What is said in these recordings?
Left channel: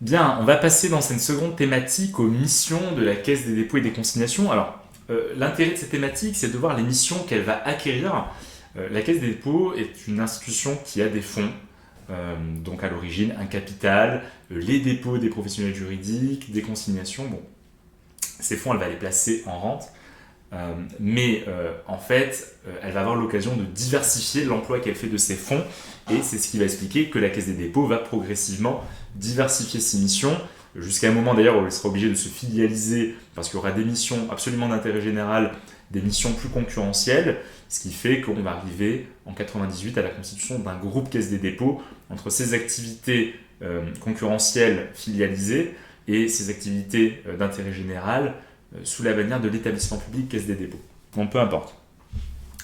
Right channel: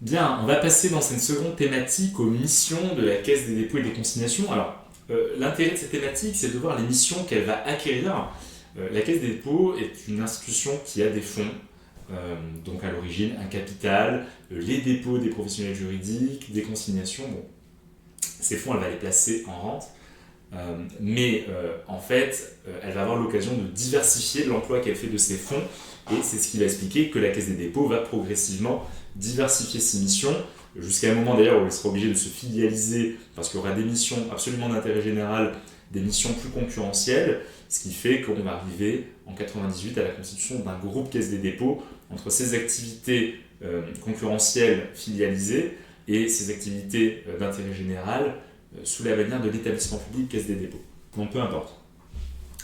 Bien, on va passer dans cette seconde thématique aux missions de la Caisse des dépôts et des consignations. Alors, l'intérêt de cette thématique, c'est de voir les missions qu'elle va acquérir. La Caisse des dépôts est une institution qui a des fonds, donc à l'origine un capital, les dépôts des professionnels juridiques, des consignations. Bon, ces fonds, elle va les placer en rente, mais en fait, elle va avoir l'occasion de diversifier l'emploi qu'elle fait de ces fonds, et c'est ce qui va expliquer que la Caisse des dépôts va progressivement diversifier ses missions, jusqu'à un moment d'ailleurs où elle sera obligée de se filialiser, parce qu'il y aura des missions absolument d'intérêt général, des missions plus concurrentielles, ce qui fait qu'on va arriver en 98 à la constitution d'un groupe Caisse des dépôts entre ses activités concurrentielles filialisées et ses activités d'intérêt général sous la bannière de l'établissement public Caisse des dépôts. Bon, peu importe.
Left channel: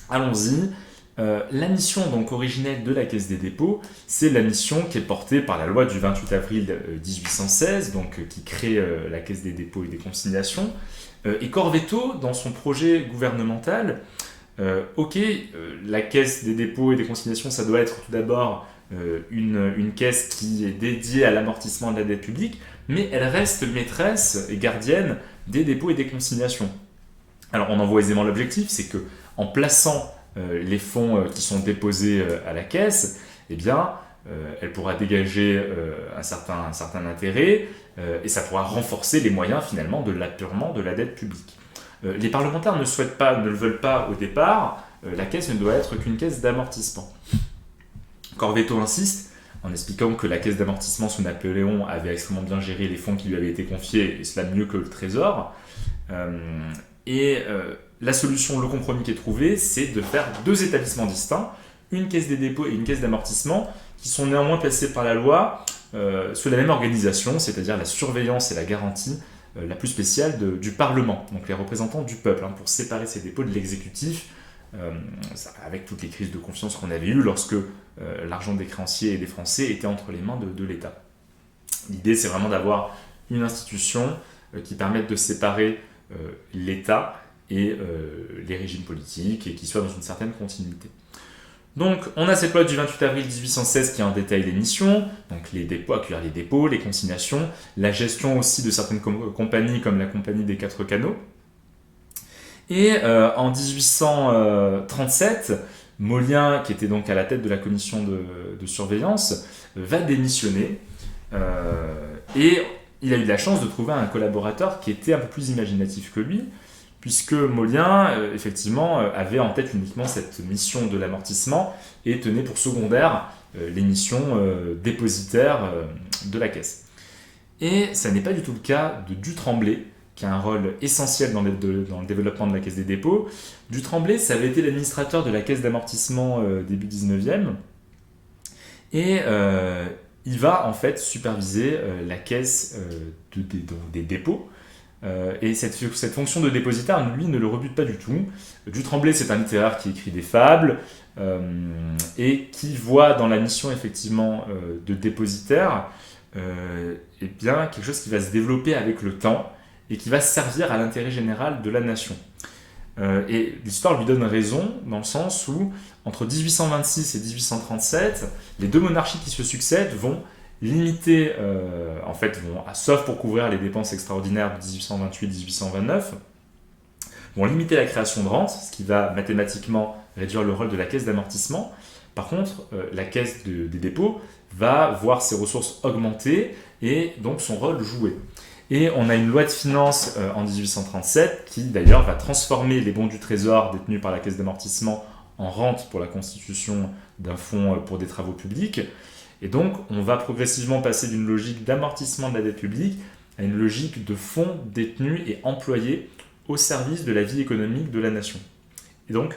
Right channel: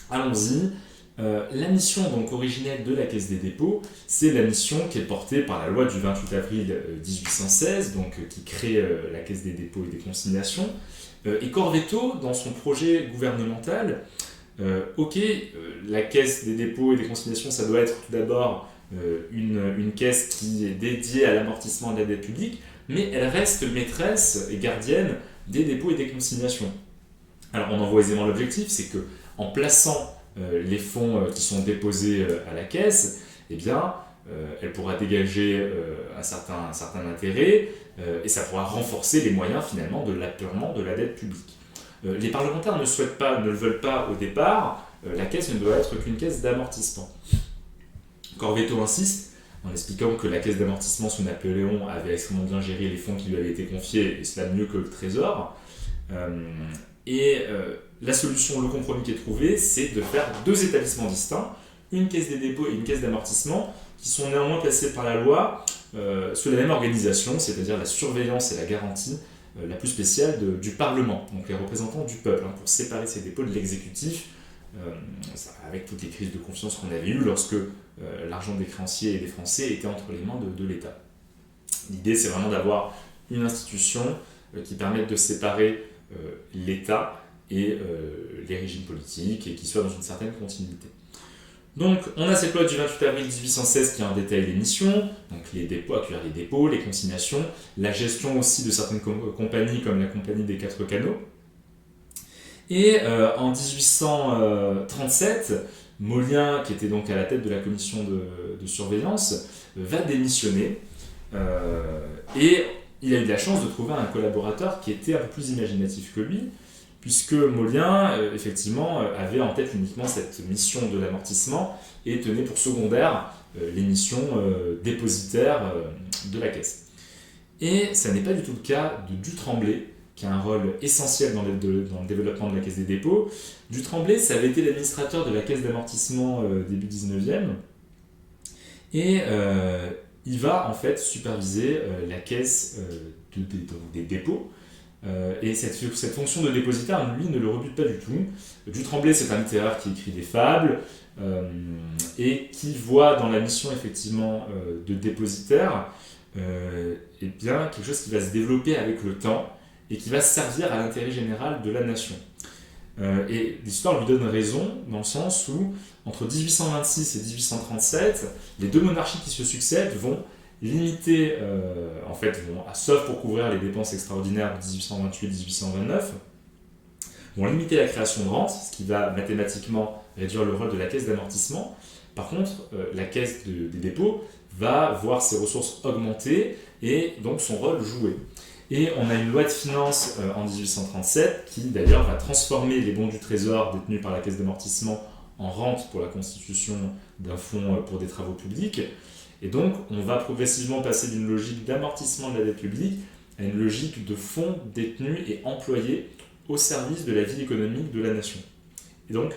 Allons-y. La mission donc originelle de la Caisse des dépôts, c'est la mission qui est portée par la loi du 28 avril 1816, donc, qui crée la Caisse des dépôts et des consignations. Et Corvetto, dans son projet gouvernemental, la Caisse des dépôts et des consignations, ça doit être tout d'abord une caisse qui est dédiée à l'amortissement de la dette publique, mais elle reste maîtresse et gardienne des dépôts et des consignations. Alors on en voit aisément l'objectif, c'est que en plaçant les fonds qui sont déposés à la caisse, eh bien, elle pourra dégager un certain intérêt et ça pourra renforcer les moyens finalement de l'apurement de la dette publique. Les parlementaires ne le veulent pas au départ, la caisse ne doit être qu'une caisse d'amortissement. Corvetto insiste en expliquant que la caisse d'amortissement sous Napoléon avait extrêmement bien géré les fonds qui lui avaient été confiés, et cela mieux que le Trésor. La solution, le compromis qui est trouvé, c'est de faire deux établissements distincts, une caisse des dépôts et une caisse d'amortissement, qui sont néanmoins placés par la loi sous la même organisation, c'est-à-dire la surveillance et la garantie la plus spéciale du Parlement, donc les représentants du peuple, pour séparer ces dépôts de l'exécutif, avec toutes les crises de confiance qu'on avait eues lorsque l'argent des créanciers et des Français était entre les mains de l'État. L'idée, c'est vraiment d'avoir une institution qui permette de séparer l'État et les régimes politiques et qui soit dans une certaine continuité. Donc, on a cette loi du 28 avril 1816 qui en détaille les missions, donc les dépôts, accueillir les dépôts, les consignations, la gestion aussi de certaines compagnies comme la Compagnie des Quatre Canaux. Et en 1837, Molien, qui était donc à la tête de la commission de surveillance, va démissionner et il a eu de la chance de trouver un collaborateur qui était un peu plus imaginatif que lui, puisque Molien, effectivement, avait en tête uniquement cette mission de l'amortissement et tenait pour secondaire les missions dépositaires de la caisse. Et ça n'est pas du tout le cas de Dutremblay, qui a un rôle essentiel dans le développement de la Caisse des dépôts. Dutremblay, ça avait été l'administrateur de la Caisse d'amortissement début 19e, et il va en fait superviser la caisse des dépôts. Et cette fonction de dépositaire, lui, ne le rebute pas du tout. Dutremblay, c'est un littéraire qui écrit des fables et qui voit dans la mission effectivement de dépositaire bien, quelque chose qui va se développer avec le temps et qui va servir à l'intérêt général de la nation. Et l'histoire lui donne raison dans le sens où, entre 1826 et 1837, les deux monarchies qui se succèdent vont limiter, sauf pour couvrir les dépenses extraordinaires de 1828-1829, vont limiter la création de rentes, ce qui va mathématiquement réduire le rôle de la caisse d'amortissement. Par contre, la caisse des dépôts va voir ses ressources augmenter et donc son rôle jouer. Et on a une loi de finances en 1837 qui d'ailleurs va transformer les bons du Trésor détenus par la caisse d'amortissement en rente pour la constitution d'un fonds pour des travaux publics. Et donc on va progressivement passer d'une logique d'amortissement de la dette publique à une logique de fonds détenus et employés au service de la vie économique de la nation. Et donc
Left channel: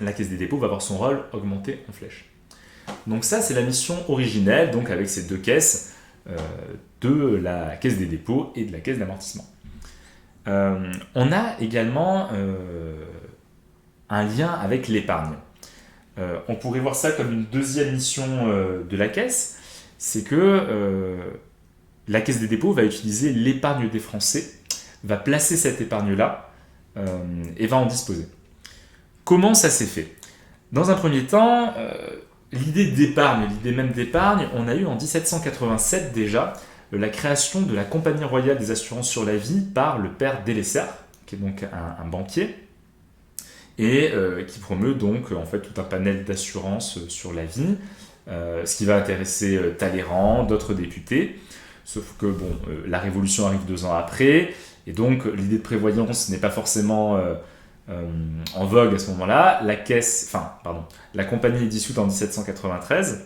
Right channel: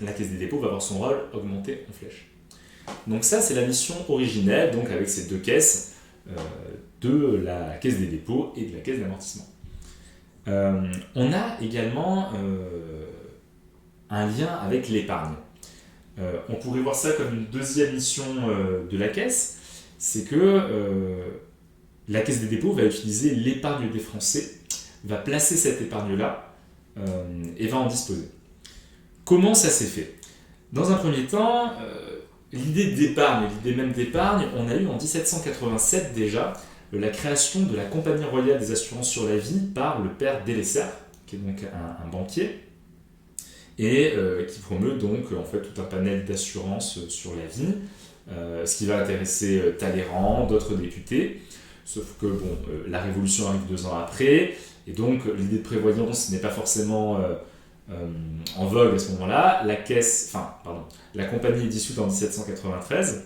la caisse des dépôts va voir son rôle augmenter en flèche. Donc ça, c'est la mission originelle, donc avec ces deux caisses de la caisse des dépôts et de la caisse d'amortissement. On a également un lien avec l'épargne. On pourrait voir ça comme une deuxième mission de la caisse, c'est que la caisse des dépôts va utiliser l'épargne des Français, va placer cette épargne-là et va en disposer. Comment ça s'est fait ? Dans un premier temps, l'idée d'épargne, l'idée même d'épargne, on a eu en 1787 déjà la création de la Compagnie royale des assurances sur la vie par le père Delessert, qui est donc un banquier, et qui promeut donc en fait tout un panel d'assurances sur la vie, ce qui va intéresser Talleyrand, d'autres députés, sauf que la Révolution arrive 2 ans après, et donc l'idée de prévoyance n'est pas forcément en vogue à ce moment-là. La compagnie est dissoute en 1793,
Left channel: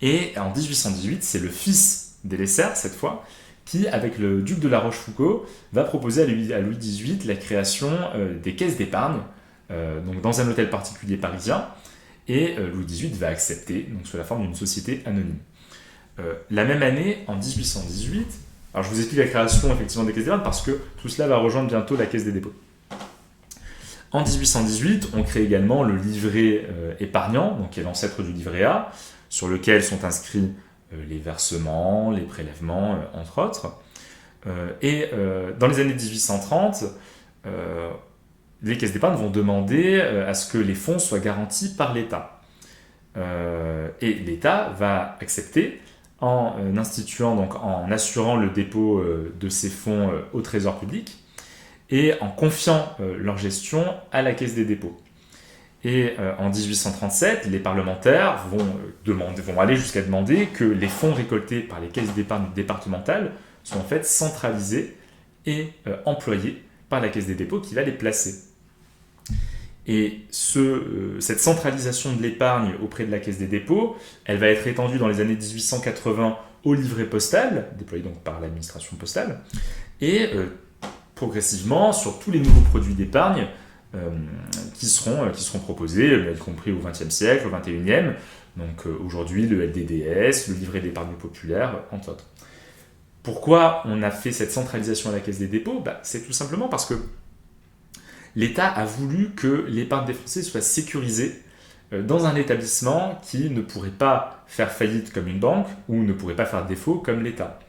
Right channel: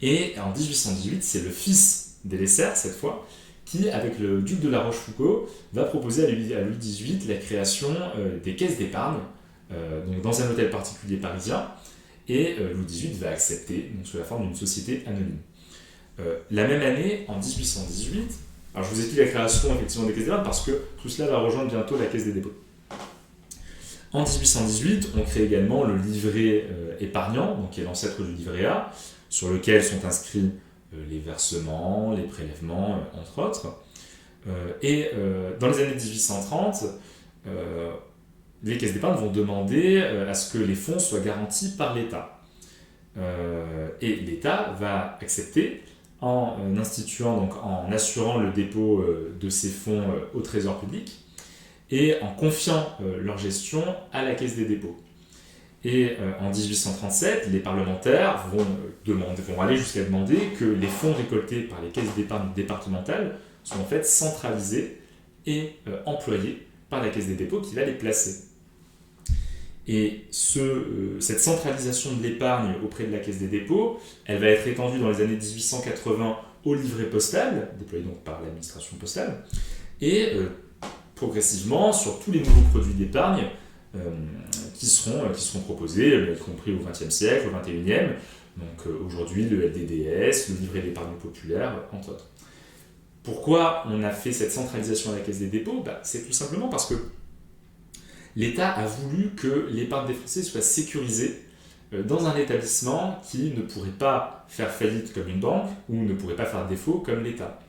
et en 1818, c'est le fils Delessert, cette fois, qui, avec le duc de la Rochefoucauld, va proposer à Louis XVIII la création des caisses d'épargne, donc dans un hôtel particulier parisien, et Louis XVIII va accepter, donc sous la forme d'une société anonyme. La même année, en 1818, alors je vous explique la création effectivement des caisses d'épargne parce que tout cela va rejoindre bientôt la Caisse des dépôts. En 1818, on crée également le livret épargnant, donc qui est l'ancêtre du livret A, sur lequel sont inscrits les versements, les prélèvements, entre autres. Dans les années 1830, les caisses d'épargne vont demander à ce que les fonds soient garantis par l'État. Et l'État va accepter en instituant, donc en assurant le dépôt de ces fonds au Trésor public et en confiant leur gestion à la Caisse des dépôts. Et en 1837, les parlementaires vont aller jusqu'à demander que les fonds récoltés par les caisses d'épargne départementales soient en fait centralisés et employés par la Caisse des dépôts qui va les placer. Et cette centralisation de l'épargne auprès de la Caisse des dépôts, elle va être étendue dans les années 1880 au livret postal, déployé donc par l'administration postale, et progressivement sur tous les nouveaux produits d'épargne qui seront proposés, y compris au XXe siècle, au XXIe. Donc aujourd'hui, le LDDS, le livret d'épargne populaire, entre autres. Pourquoi on a fait cette centralisation à la Caisse des dépôts ? C'est tout simplement parce que l'État a voulu que l'épargne des Français soit sécurisée dans un établissement qui ne pourrait pas faire faillite comme une banque ou ne pourrait pas faire défaut comme l'État.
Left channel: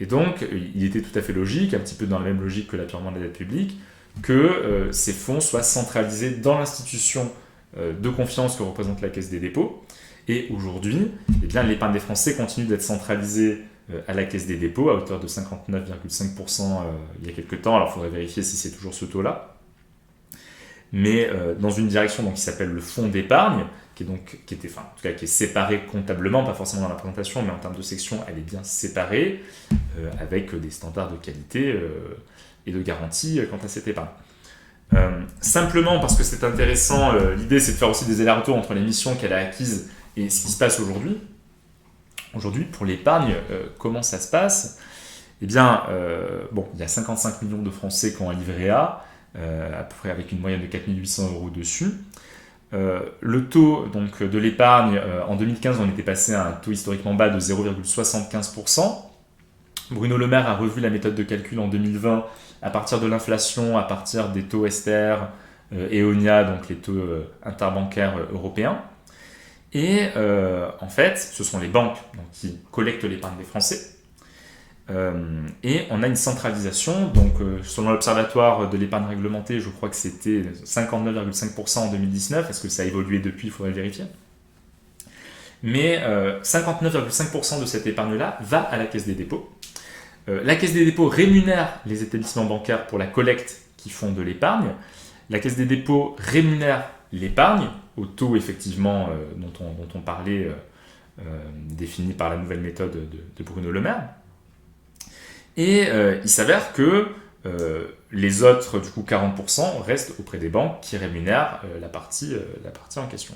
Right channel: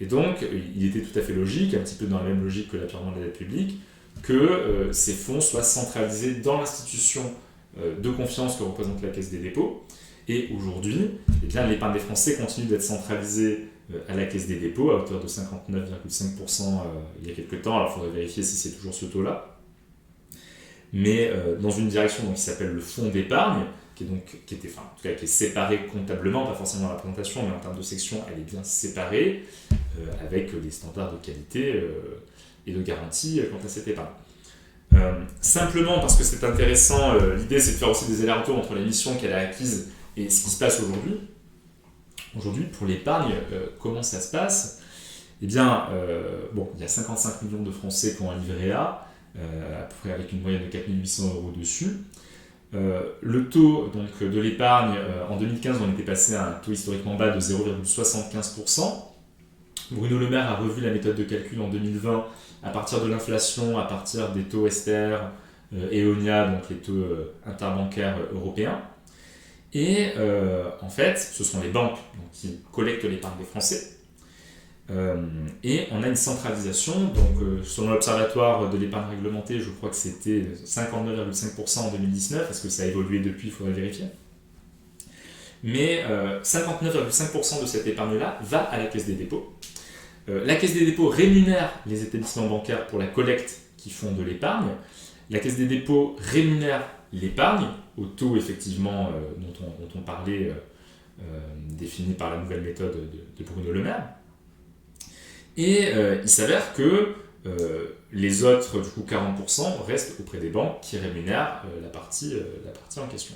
Et donc, il était tout à fait logique, un petit peu dans la même logique que l'apurement de la dette publique, que ces fonds soient centralisés dans l'institution de confiance que représente la Caisse des dépôts. Et aujourd'hui, l'épargne des Français continue d'être centralisée à la Caisse des dépôts à hauteur de 59,5% il y a quelques temps. Alors, il faudrait vérifier si c'est toujours ce taux-là. Mais dans une direction donc, qui s'appelle le fonds d'épargne, qui est séparé comptablement, pas forcément dans la présentation, mais en termes de section, elle est bien séparée, avec des standards de qualité et de garantie quant à cette épargne. Simplement parce que c'est intéressant, l'idée c'est de faire aussi des allers-retours entre les missions qu'elle a acquises et ce qui se passe aujourd'hui. Aujourd'hui, pour l'épargne, comment ça se passe ? Eh bien, il y a 55 millions de Français qui ont un livret A, à peu près avec une moyenne de 4 800 € dessus. Le taux donc, de l'épargne, en 2015, on était passé à un taux historiquement bas de 0,75%. Bruno Le Maire a revu la méthode de calcul en 2020 à partir de l'inflation, à partir des taux Ester, EONIA, donc les taux interbancaires européens. Et en fait, ce sont les banques donc, qui collectent l'épargne des Français. Et on a une centralisation, donc selon l'Observatoire de l'épargne réglementée, je crois que c'était 59,5% en 2019, est-ce que ça a évolué depuis, il faudrait le vérifier. Mais 59,5% de cette épargne-là va à la Caisse des dépôts. La Caisse des dépôts rémunère les établissements bancaires pour la collecte qui font de l'épargne. La Caisse des dépôts rémunère l'épargne au taux effectivement dont on parlait, défini par la nouvelle méthode de Bruno Le Maire. Et il s'avère que les autres, du coup 40%, restent auprès des banques qui rémunèrent la partie en question.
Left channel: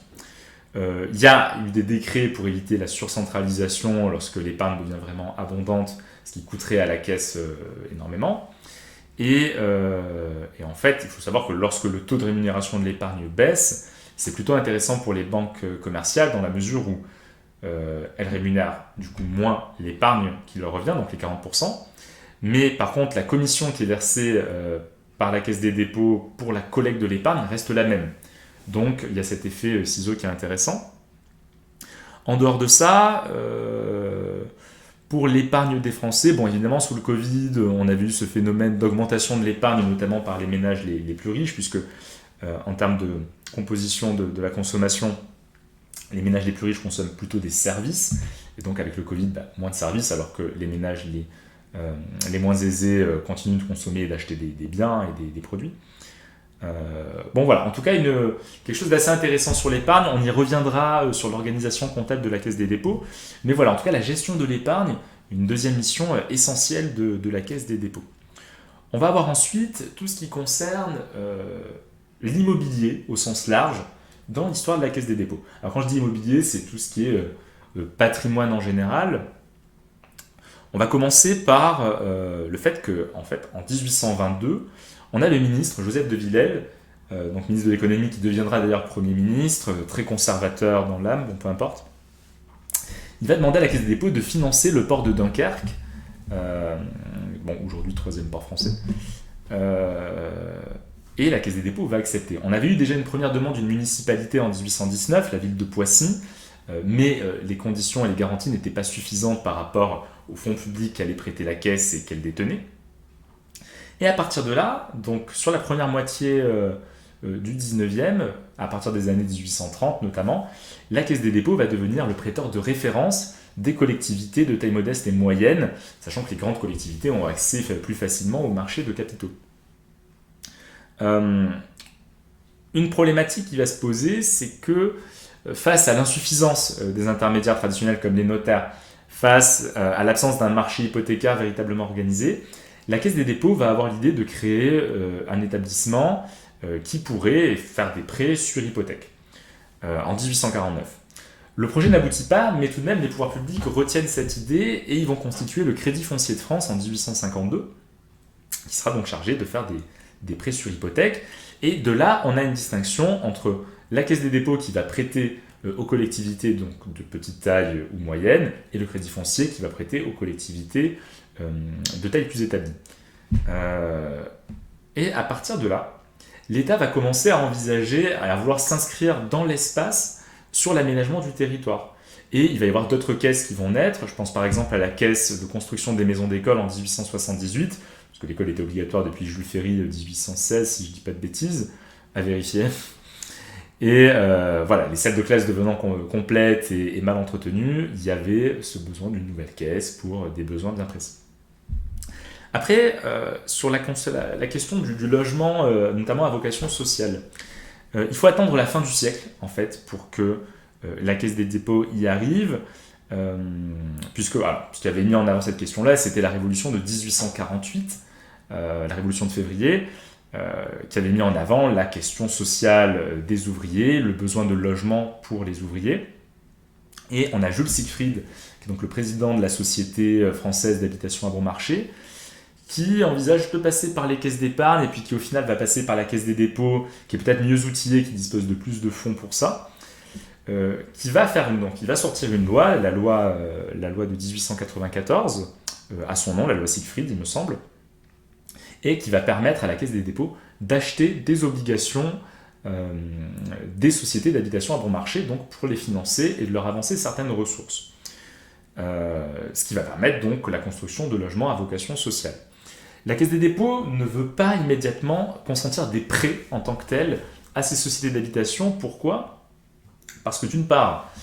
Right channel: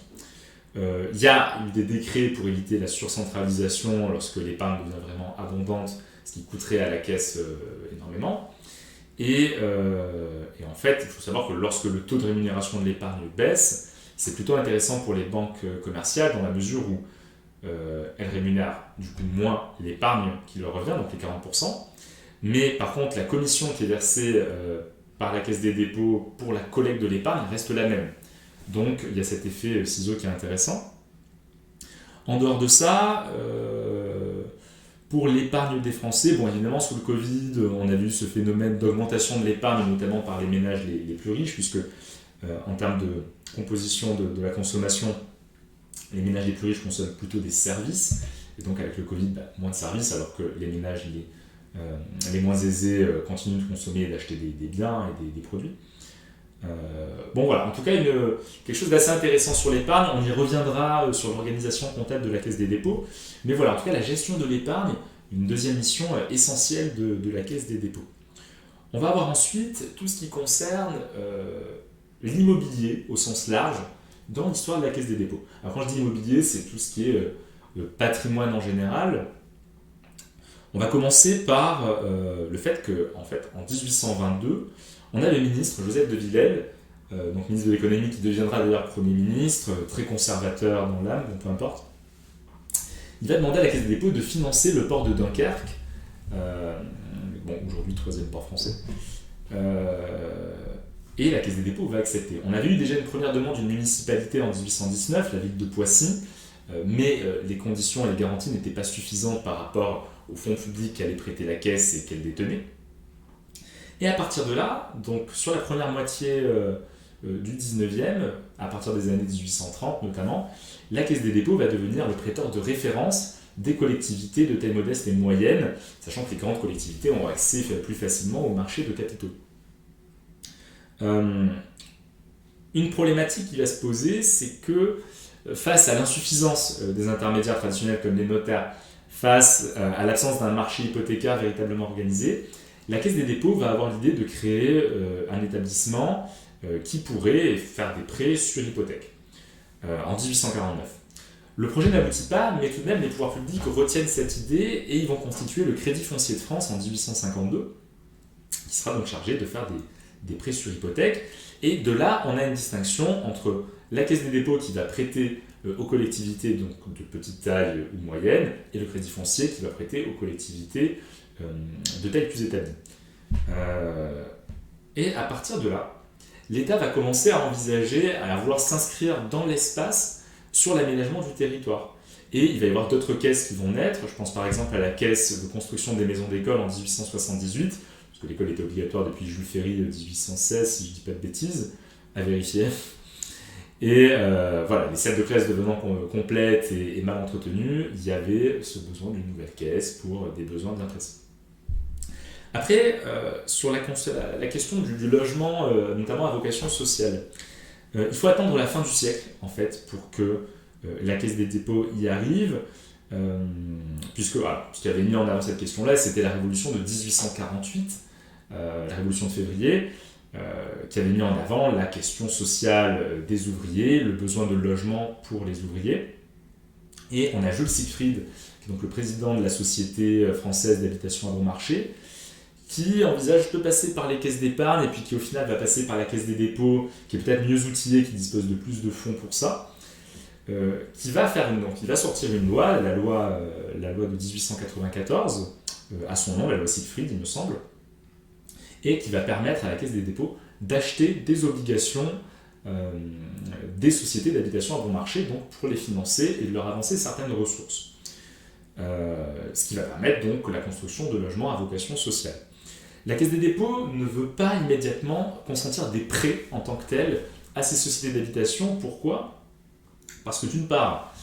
Il y a eu des décrets pour éviter la surcentralisation lorsque l'épargne devient vraiment abondante, ce qui coûterait à la caisse énormément. Et en fait, il faut savoir que lorsque le taux de rémunération de l'épargne baisse, c'est plutôt intéressant pour les banques commerciales dans la mesure où elles rémunèrent du coup moins l'épargne qui leur revient, donc les 40%. Mais par contre, la commission qui est versée par la Caisse des dépôts pour la collecte de l'épargne reste la même. Donc il y a cet effet ciseau qui est intéressant. En dehors de ça, pour l'épargne des Français, bon évidemment sous le Covid, on a vu ce phénomène d'augmentation de l'épargne, notamment par les ménages les plus riches, puisque en termes de composition de la consommation, Les ménages les plus riches consomment plutôt des services, et donc avec le Covid, moins de services, alors que les ménages les moins aisés continuent de consommer et d'acheter des biens et des produits. Bon voilà, en tout cas quelque chose d'assez intéressant sur l'épargne. On y reviendra sur l'organisation comptable de la Caisse des dépôts. Mais voilà, en tout cas la gestion de l'épargne, une deuxième mission essentielle de la Caisse des dépôts. On va avoir ensuite tout ce qui concerne l'immobilier au sens large dans l'histoire de la Caisse des dépôts. Alors quand je dis immobilier, c'est tout ce qui est patrimoine en général. On va commencer par le fait qu'en en 1822, on a le ministre Joseph de Villèle, donc ministre de l'économie qui deviendra d'ailleurs Premier ministre, très conservateur dans l'âme, bon, peu importe. Il va demander à la Caisse des dépôts de financer le port de Dunkerque, aujourd'hui troisième port français, et la Caisse des dépôts va accepter. On avait eu déjà une première demande d'une municipalité en 1819, la ville de Poissy, mais les conditions et les garanties n'étaient pas suffisantes par rapport aux fonds publics qu'allait prêter la Caisse et qu'elle détenait. Et à partir de là, donc sur la première moitié du 19e, à partir des années 1830 notamment, la Caisse des dépôts va devenir le prêteur de référence des collectivités de taille modeste et moyenne, sachant que les grandes collectivités ont accès plus facilement au marché de capitaux. Une problématique qui va se poser, c'est que face à l'insuffisance des intermédiaires traditionnels comme les notaires, face à l'absence d'un marché hypothécaire véritablement organisé, la Caisse des dépôts va avoir l'idée de créer un établissement qui pourrait faire des prêts sur hypothèque en 1849. Le projet n'aboutit pas, mais tout de même les pouvoirs publics retiennent cette idée et ils vont constituer le Crédit foncier de France en 1852, qui sera donc chargé de faire des prêts sur hypothèque. Et de là, on a une distinction entre la Caisse des dépôts qui va prêter aux collectivités donc de petite taille ou moyenne, et le Crédit foncier qui va prêter aux collectivités de taille plus établie. Et à partir de là, l'État va commencer à envisager, à vouloir s'inscrire dans l'espace sur l'aménagement du territoire. Et il va y avoir d'autres caisses qui vont naître. Je pense par exemple à la caisse de construction des maisons d'école en 1878, parce que l'école était obligatoire depuis Jules Ferry 1816, si je ne dis pas de bêtises, à vérifier. Et voilà, les salles de classe devenant complètes et mal entretenues, il y avait ce besoin d'une nouvelle caisse pour des besoins bien précis. Après, sur la question du logement, notamment à vocation sociale, il faut attendre la fin du siècle, en fait, pour que la Caisse des dépôts y arrive, puisque ce qui avait mis en avant cette question-là, c'était la révolution de 1848, la révolution de février, qui avait mis en avant la question sociale des ouvriers, le besoin de logement pour les ouvriers. Et on a Jules Siegfried, qui est donc le président de la Société française d'habitation à bon marché, qui envisage de passer par les caisses d'épargne et puis qui au final va passer par la Caisse des dépôts, qui est peut-être mieux outillée, qui dispose de plus de fonds pour ça, qui va sortir une loi, la loi de 1894, à son nom, la loi Siegfried, il me semble, et qui va permettre à la Caisse des dépôts d'acheter des obligations des sociétés d'habitation à bon marché, donc pour les financer et de leur avancer certaines ressources. Ce qui va permettre donc la construction de logements à vocation sociale. La Caisse des dépôts ne veut pas immédiatement consentir des prêts en tant que tels à ces sociétés d'habitation. Pourquoi ? Parce que d'une part,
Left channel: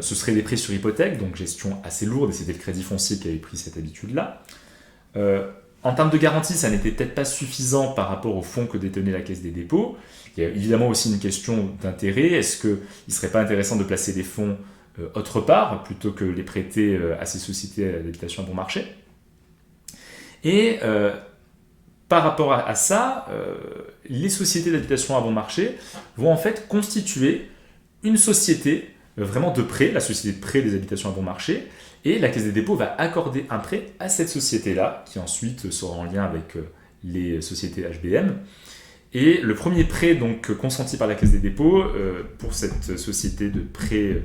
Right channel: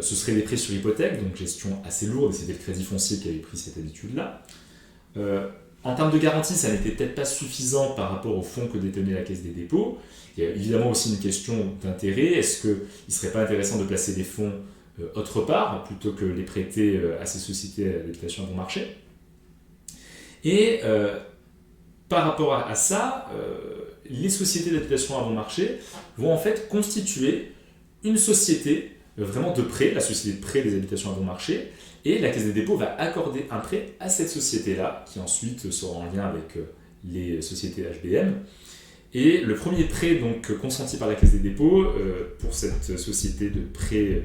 ce seraient des prêts sur hypothèque, donc gestion assez lourde, et c'était le Crédit foncier qui avait pris cette habitude-là. En termes de garantie, ça n'était peut-être pas suffisant par rapport aux fonds que détenait la Caisse des dépôts. Il y a évidemment aussi une question d'intérêt. Est-ce qu'il ne serait pas intéressant de placer des fonds autre part, plutôt que les prêter à ces sociétés d'habitation à bon marché ? Et par rapport à ça, les sociétés d'habitation à bon marché vont en fait constituer une société vraiment de prêt, la société de prêt des habitations à bon marché, et la Caisse des dépôts va accorder un prêt à cette société-là, qui ensuite sera en lien avec les sociétés HBM. Et le premier prêt donc consenti par la Caisse des dépôts pour cette société de prêt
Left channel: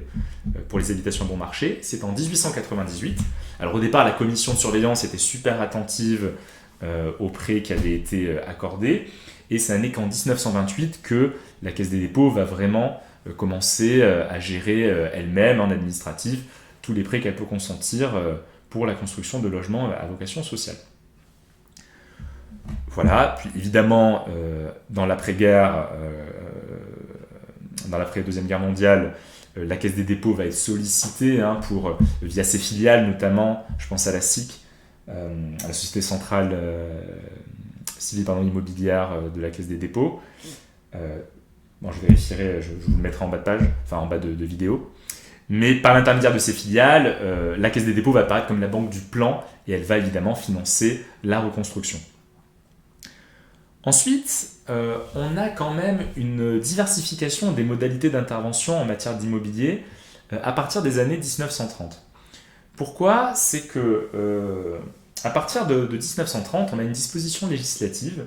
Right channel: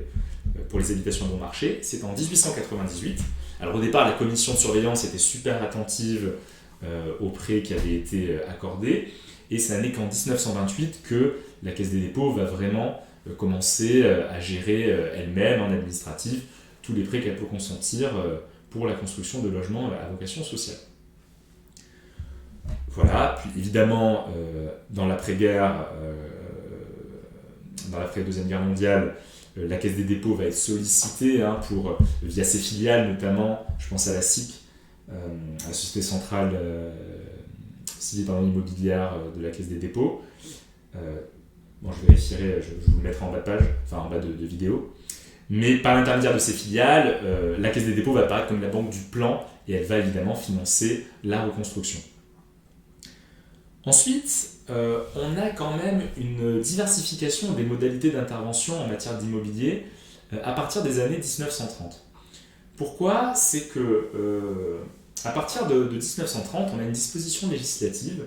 pour les habitations à bon marché, c'est en 1898. Alors au départ, la commission de surveillance était super attentive aux prêts qui avaient été accordés, et ça n'est qu'en 1928 que la Caisse des dépôts va vraiment commencer à gérer elle-même en administratif tous les prêts qu'elle peut consentir pour la construction de logements à vocation sociale. Voilà, puis évidemment, dans l'après-guerre, dans l'après-deuxième guerre mondiale, La Caisse des dépôts va être sollicitée via ses filiales, notamment, je pense à la SIC, à la Société Centrale Civile Immobilière de la Caisse des dépôts. Je vérifierai, je vous le mettrai en bas de page, en bas de vidéo. Mais par l'intermédiaire de ces filiales, la Caisse des dépôts va apparaître comme la banque du plan et elle va évidemment financer la reconstruction. Ensuite, on a quand même une diversification des modalités d'intervention en matière d'immobilier à partir des années 1930. Pourquoi ? C'est que à partir de 1930, on a une disposition législative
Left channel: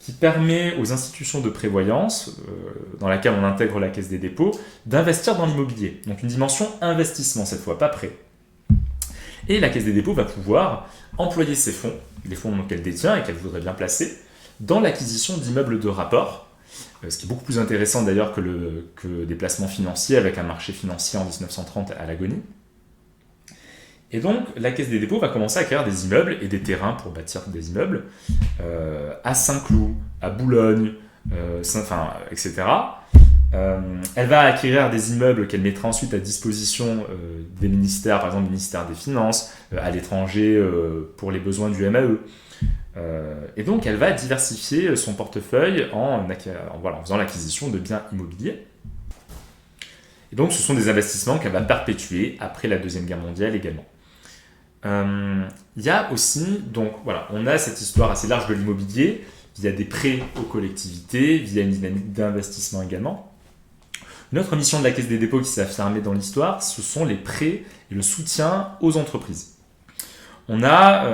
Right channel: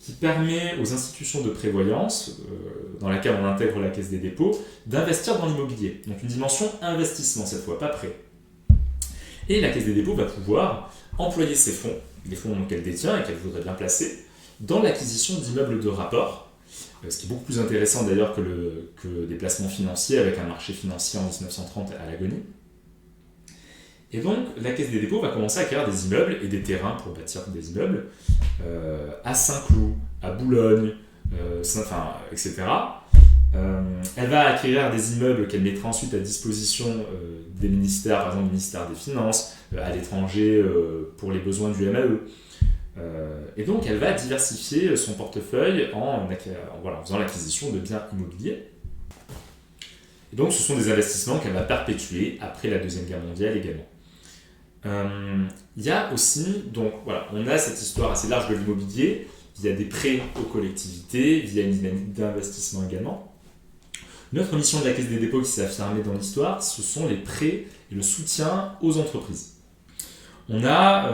qui permet aux institutions de prévoyance, dans laquelle on intègre la Caisse des dépôts, d'investir dans l'immobilier. Donc une dimension investissement cette fois, pas prêt. Et la Caisse des dépôts va pouvoir employer ces fonds, les fonds qu'elle détient et qu'elle voudrait bien placer, dans l'acquisition d'immeubles de rapport, ce qui est beaucoup plus intéressant d'ailleurs que des placements financiers avec un marché financier en 1930 à l'agonie. Et donc, la Caisse des dépôts va commencer à acquérir des immeubles et des terrains pour bâtir des immeubles à Saint-Cloud, à Boulogne, etc. Elle va acquérir des immeubles qu'elle mettra ensuite à disposition des ministères, par exemple le ministère des Finances, à l'étranger pour les besoins du MAE. Et donc, elle va diversifier son portefeuille en faisant l'acquisition de biens immobiliers. Et donc, ce sont des investissements qu'elle va perpétuer après la Deuxième Guerre mondiale également. Il y a aussi, on a cette histoire assez large de l'immobilier, il y a des prêts aux collectivités, il y a une dynamique d'investissement également. Notre mission de la Caisse des dépôts qui s'est affirmée dans l'histoire, ce sont les prêts et le soutien aux entreprises. On a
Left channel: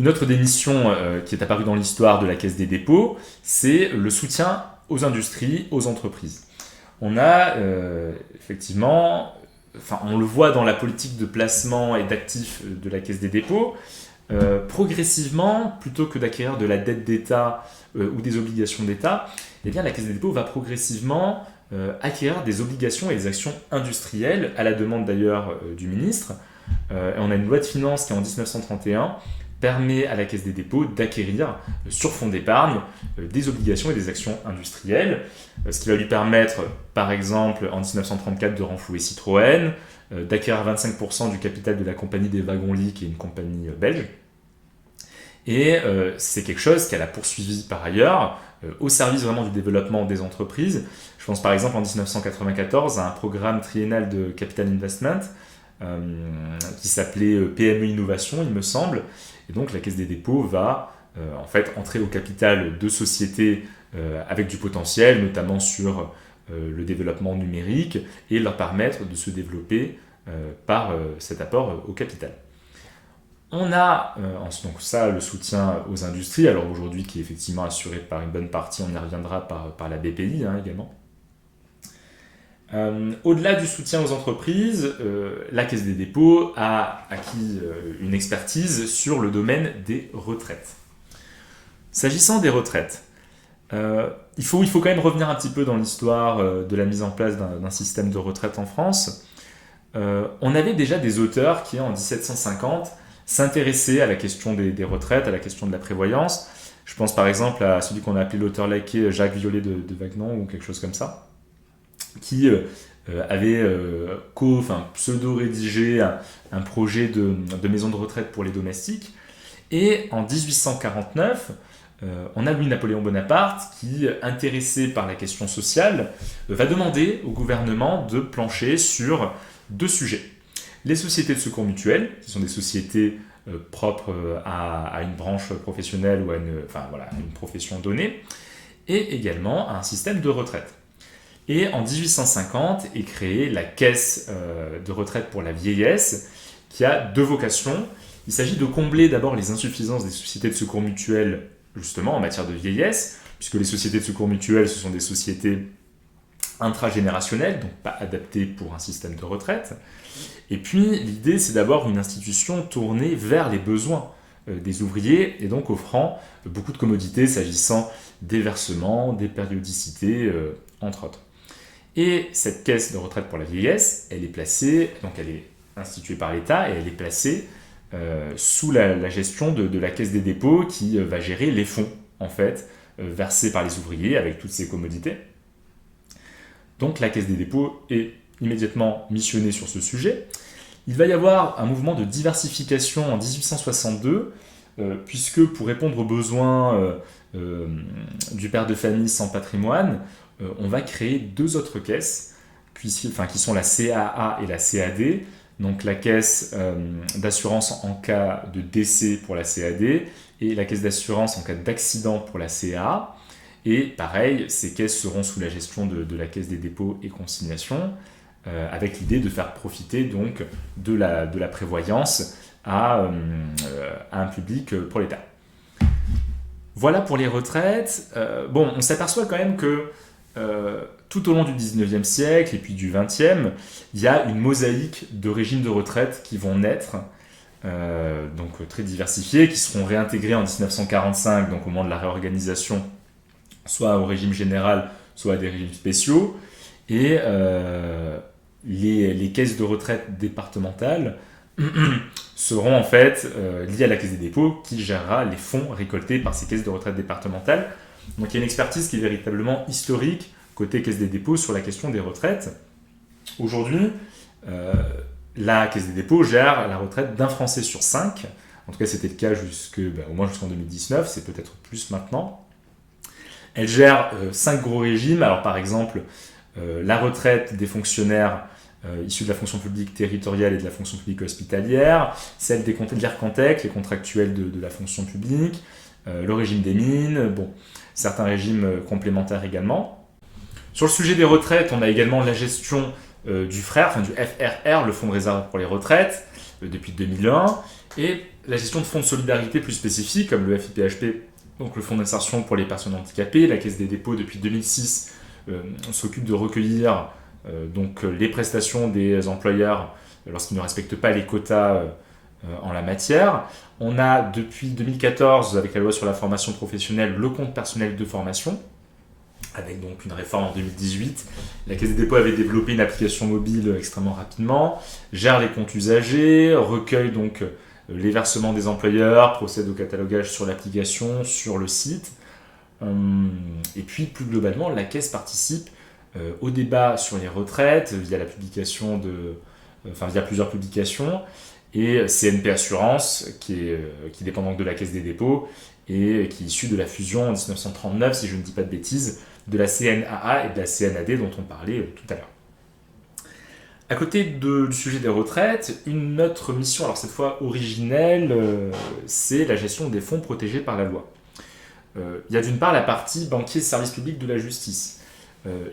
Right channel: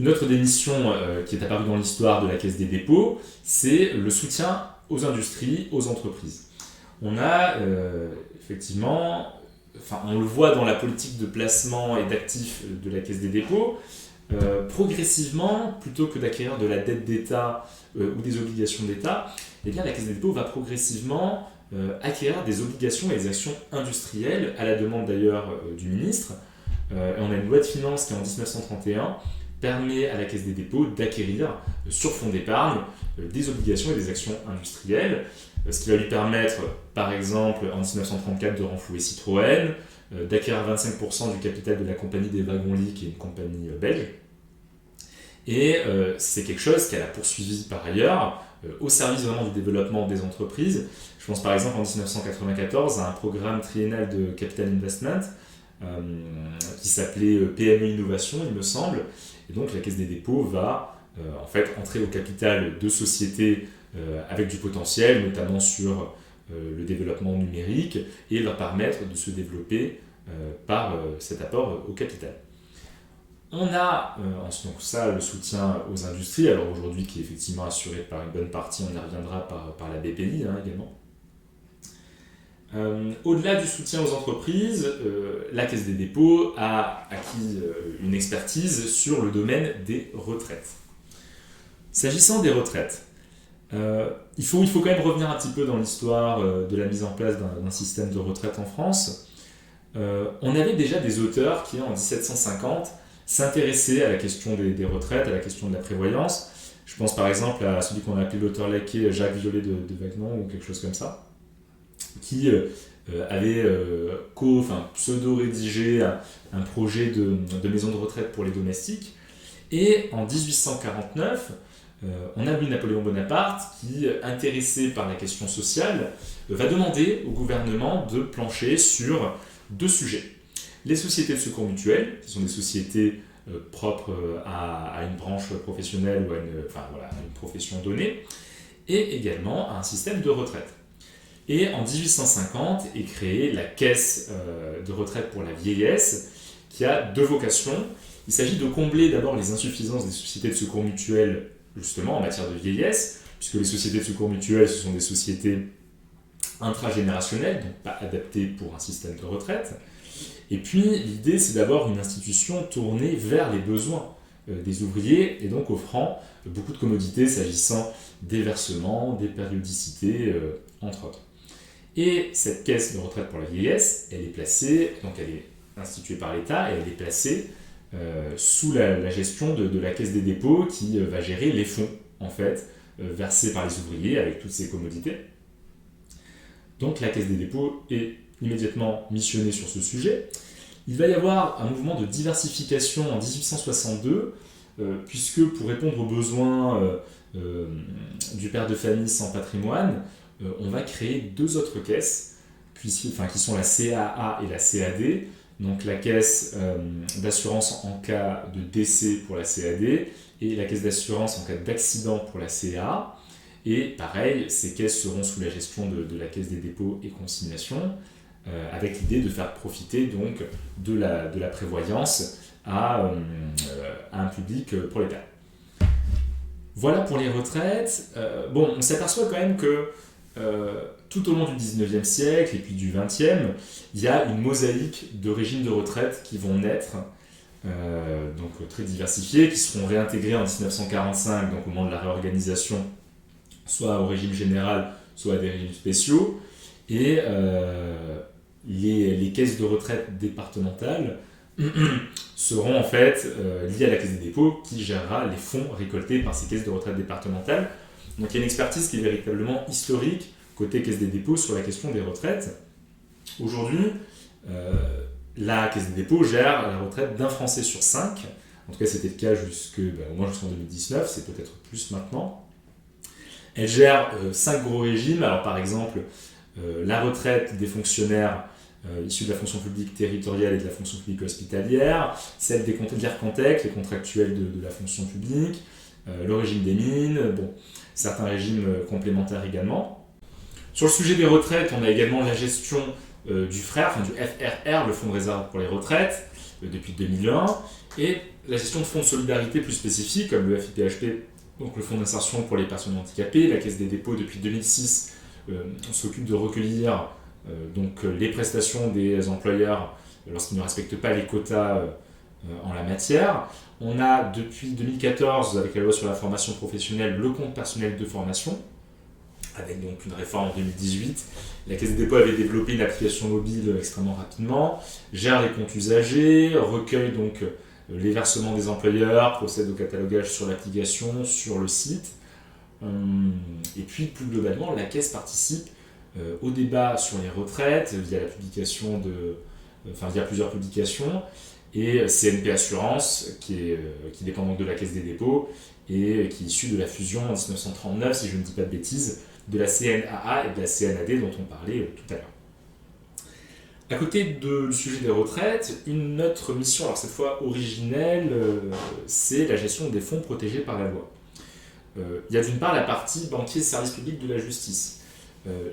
une autre des missions qui est apparue dans l'histoire de la Caisse des dépôts, c'est le soutien aux industries, aux entreprises. On a effectivement, on le voit dans la politique de placement et d'actifs de la Caisse des dépôts, progressivement, plutôt que d'acquérir de la dette d'État ou des obligations d'État, la Caisse des dépôts va progressivement acquérir des obligations et des actions industrielles, à la demande d'ailleurs du ministre. On a une loi de finances qui, en 1931, permet à la Caisse des dépôts d'acquérir sur fonds d'épargne des obligations et des actions industrielles, ce qui va lui permettre, par exemple, en 1934, de renflouer Citroën, d'acquérir 25% du capital de la compagnie des wagons-lits, qui est une compagnie belge. Et c'est quelque chose qu'elle a poursuivi par ailleurs au service vraiment du développement des entreprises. Je pense par exemple en 1994 à un programme triennal de capital investment qui s'appelait PME Innovation, il me semble. Et donc la Caisse des dépôts va entrer au capital de sociétés avec du potentiel, notamment sur le développement numérique, et leur permettre de se développer par cet apport au capital. On a donc ça, le soutien aux industries, alors aujourd'hui qui est effectivement assuré par une bonne partie, on y reviendra par la BPI également. Au-delà du soutien aux entreprises, la Caisse des dépôts a acquis une expertise sur le domaine des retraites. S'agissant des retraites, il faut quand même revenir un petit peu dans l'histoire de la mise en place d'un système de retraite en France. On avait déjà des auteurs qui, en 1750, s'intéressaient à la question des retraites, à la question de la prévoyance. Je pense par exemple à celui qu'on a appelé l'auteur laquais Jacques Violet de Wagnon ou quelque chose comme ça, qui avait pseudo-rédigé un projet de maison de retraite pour les domestiques. Et en 1849, on a Louis-Napoléon Bonaparte qui, intéressé par la question sociale, va demander au gouvernement de plancher sur deux sujets. Les sociétés de secours mutuels, qui sont des sociétés propres à une branche professionnelle ou à une profession donnée, et également à un système de retraite. Et en 1850 est créée la Caisse de retraite pour la vieillesse, qui a deux vocations. Il s'agit de combler d'abord les insuffisances des sociétés de secours mutuels, justement en matière de vieillesse, puisque les sociétés de secours mutuels, ce sont des sociétés intragénérationnelles, donc pas adaptées pour un système de retraite. Et puis l'idée, c'est d'avoir une institution tournée vers les besoins des ouvriers, et donc offrant beaucoup de commodités s'agissant des versements, des périodicités, entre autres. Et cette caisse de retraite pour la vieillesse, elle est placée, donc elle est instituée par l'État, et elle est placée sous la gestion de la Caisse des dépôts qui va gérer les fonds, en fait, versés par les ouvriers avec toutes ces commodités. Donc la Caisse des dépôts est immédiatement missionnée sur ce sujet. Il va y avoir un mouvement de diversification en 1862, puisque pour répondre aux besoins du père de famille sans patrimoine, on va créer deux autres caisses, qui sont la CAA et la CAD. Donc la caisse d'assurance en cas de décès pour la CAD et la caisse d'assurance en cas d'accident pour la CAA. Et pareil, ces caisses seront sous la gestion de la Caisse des dépôts et consignations, avec l'idée de faire profiter donc de la prévoyance à un public prolétaire. Voilà pour les retraites. On s'aperçoit quand même que tout au long du 19e siècle et puis du 20e, il y a une mosaïque de régimes de retraite qui vont naître, donc très diversifiés, qui seront réintégrés en 1945, donc au moment de la réorganisation, soit au régime général, soit à des régimes spéciaux. Et les caisses de retraite départementales seront en fait liées à la Caisse des dépôts qui gérera les fonds récoltés par ces caisses de retraite départementales. Donc il y a une expertise qui est véritablement historique côté Caisse des dépôts sur la question des retraites. Aujourd'hui, la Caisse des dépôts gère la retraite d'un Français sur 5. En tout cas, c'était le cas au moins jusqu'en 2019, c'est peut-être plus maintenant. Elle gère 5 gros régimes. Alors par exemple, la retraite des fonctionnaires issus de la fonction publique territoriale et de la fonction publique hospitalière, celle des l'IRCANTEC, les contractuels de la fonction publique, le régime des mines, certains régimes complémentaires également. Sur le sujet des retraites, on a également la gestion du FRR, le Fonds de réserve pour les retraites, depuis 2001, et la gestion de fonds de solidarité plus spécifiques, comme le FIPHP, donc le Fonds d'insertion pour les personnes handicapées. La Caisse des dépôts, depuis 2006, on s'occupe de recueillir les prestations des employeurs lorsqu'ils ne respectent pas les quotas en la matière. On a depuis 2014, avec la loi sur la formation professionnelle, le compte personnel de formation, avec donc une réforme en 2018. La Caisse des dépôts avait développé une application mobile extrêmement rapidement, gère les comptes usagers, recueille donc les versements des employeurs, procède au catalogage sur l'application, sur le site. Et puis plus globalement, la Caisse participe au débat sur les retraites via la publication via plusieurs publications, et CNP Assurance qui dépend donc de la Caisse des dépôts et qui est issue de la fusion en 1939, si je ne dis pas de bêtises, de la CNAA et de la CNAD dont on parlait tout à l'heure. À côté du sujet des retraites, une autre mission, alors cette fois originelle, c'est la gestion des fonds protégés par la loi. Il y a d'une part la partie banquier service public de la justice.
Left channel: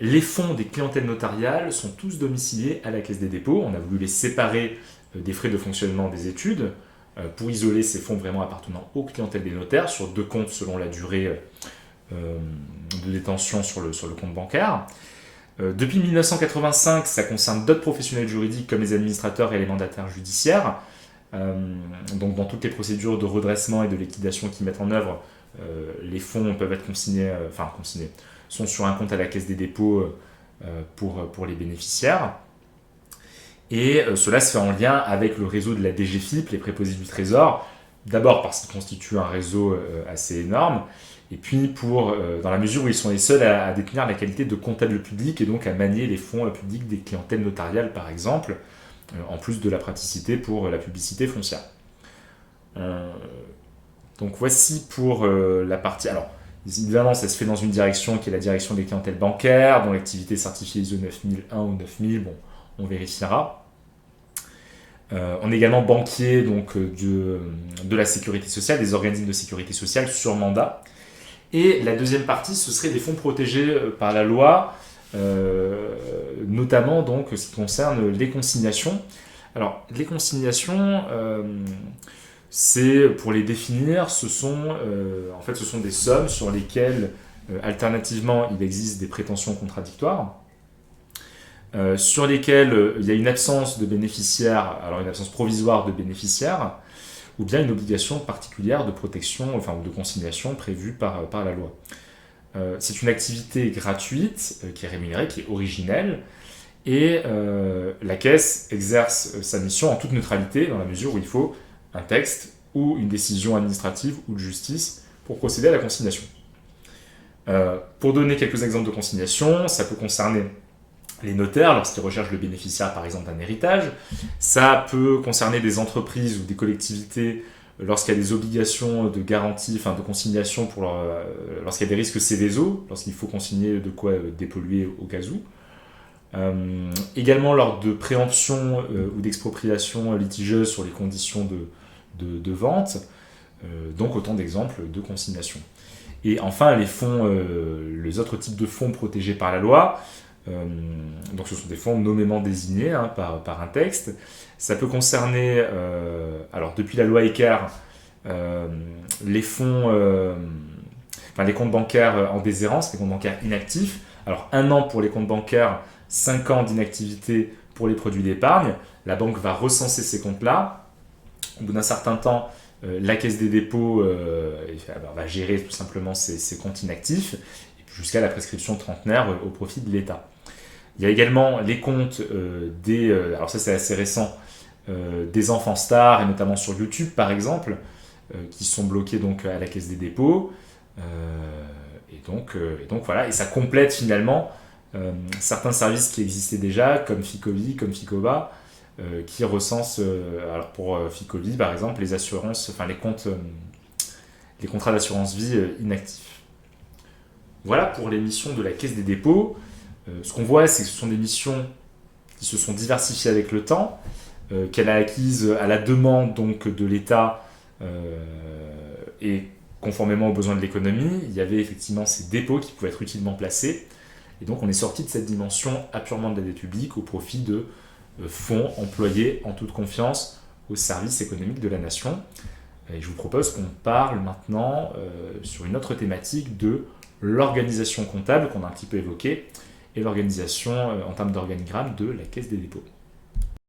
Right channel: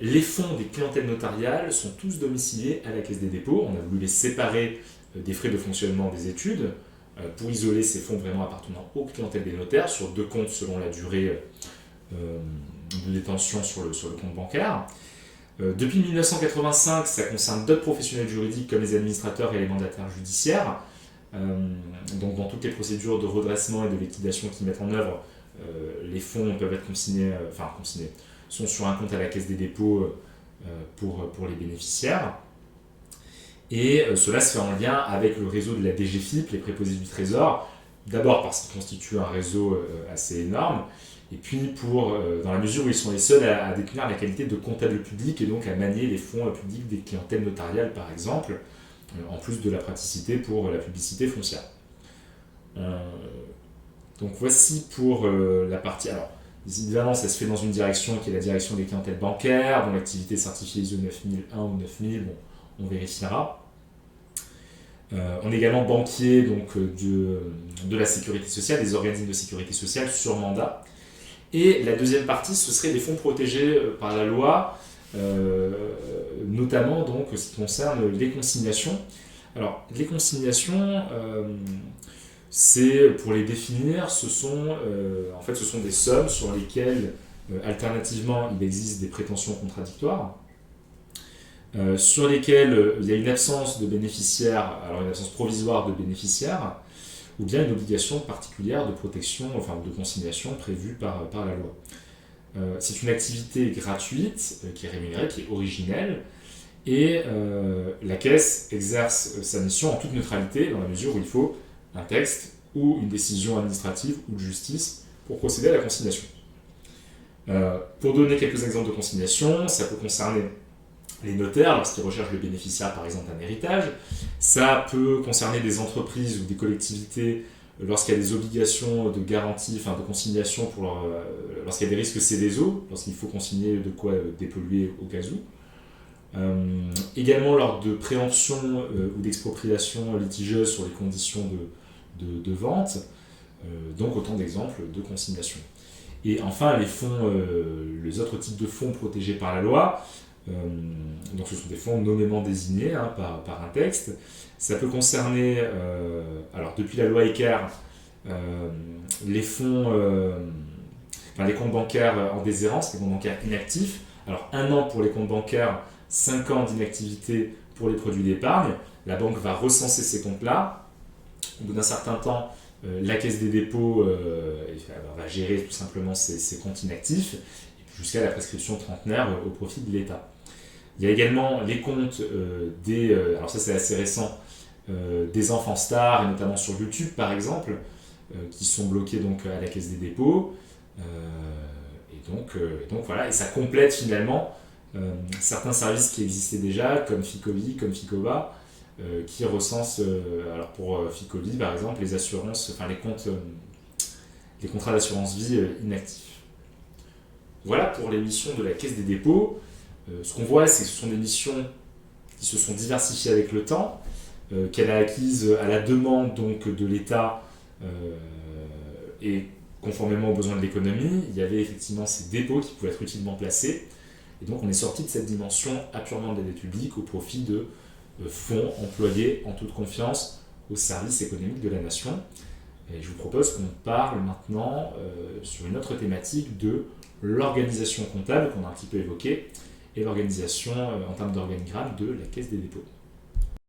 Les fonds des clientèles notariales sont tous domiciliés à la Caisse des dépôts. On a voulu les séparer des frais de fonctionnement des études pour isoler ces fonds vraiment appartenant aux clientèles des notaires sur 2 comptes selon la durée de détention sur le compte bancaire. Depuis 1985, ça concerne d'autres professionnels juridiques comme les administrateurs et les mandataires judiciaires. Donc dans toutes les procédures de redressement et de liquidation qu'ils mettent en œuvre, les fonds peuvent être consignés, sont sur un compte à la Caisse des dépôts pour les bénéficiaires. Et cela se fait en lien avec le réseau de la DGFiP, les préposés du Trésor, d'abord parce qu'ils constituent un réseau assez énorme, et puis dans la mesure où ils sont les seuls à détenir la qualité de comptable public et donc à manier les fonds publics des clientèles notariales par exemple, en plus de la praticité pour la publicité foncière. Donc voici pour la partie... Alors, évidemment, ça se fait dans une direction qui est la direction des clientèles bancaires, dont l'activité est certifiée ISO 9001 ou 9000, on vérifiera. On est également banquier donc, de la sécurité sociale, des organismes de sécurité sociale sur mandat. Et la deuxième partie, ce serait des fonds protégés par la loi, notamment donc ce qui concerne les consignations. Alors, les consignations, c'est pour les définir, ce sont des sommes sur lesquelles, alternativement, il existe des prétentions contradictoires, sur lesquelles il y a une absence de bénéficiaire, alors une absence provisoire de bénéficiaire, ou bien une obligation particulière de protection, de consignation prévue par la loi. C'est une activité gratuite, qui est rémunérée, qui est originelle, et la Caisse exerce sa mission en toute neutralité, dans la mesure où il faut un texte ou une décision administrative ou de justice pour procéder à la consignation. Pour donner quelques exemples de consignation, ça peut concerner les notaires lorsqu'ils recherchent le bénéficiaire par exemple d'un héritage, ça peut concerner des entreprises ou des collectivités lorsqu'il y a des obligations de garantie, enfin de consignation lorsqu'il y a des risques Céveso, lorsqu'il faut consigner de quoi dépolluer au cas où. Également lors de préemption ou d'expropriation litigieuse sur les conditions de vente, donc autant d'exemples de consignation. Et enfin, les autres types de fonds protégés par la loi, donc ce sont des fonds nommément désignés par un texte. Ça peut concerner, alors depuis la loi Eckert, les fonds, les comptes bancaires en déshérence, les comptes bancaires inactifs. Alors 1 an pour les comptes bancaires, 5 ans d'inactivité pour les produits d'épargne. La banque va recenser ces comptes-là. Au bout d'un certain temps, la Caisse des dépôts va gérer tout simplement ces comptes inactifs jusqu'à la prescription trentenaire au profit de l'État. Il y a également les comptes alors ça c'est assez récent, des enfants stars, et notamment sur YouTube par exemple, qui sont bloqués donc à la Caisse des dépôts. Et donc voilà, et ça complète finalement certains services qui existaient déjà, comme Ficovi, comme Ficoba, qui recensent, alors pour Ficovi par exemple, les assurances, enfin les contrats d'assurance vie inactifs. Voilà pour les missions de la Caisse des dépôts. Ce qu'on voit, c'est que ce sont des missions qui se sont diversifiées avec le temps, qu'elle a acquises à la demande donc, de l'État et conformément aux besoins de l'économie. Il y avait effectivement ces dépôts qui pouvaient être utilement placés. Et donc on est sorti de cette dimension apurement de la dette publique au profit de fonds employés en toute confiance au service économique de la nation. Et je vous propose qu'on parle maintenant sur une autre thématique de l'organisation comptable qu'on a un petit peu évoquée et l'organisation en termes d'organigramme de la Caisse des dépôts.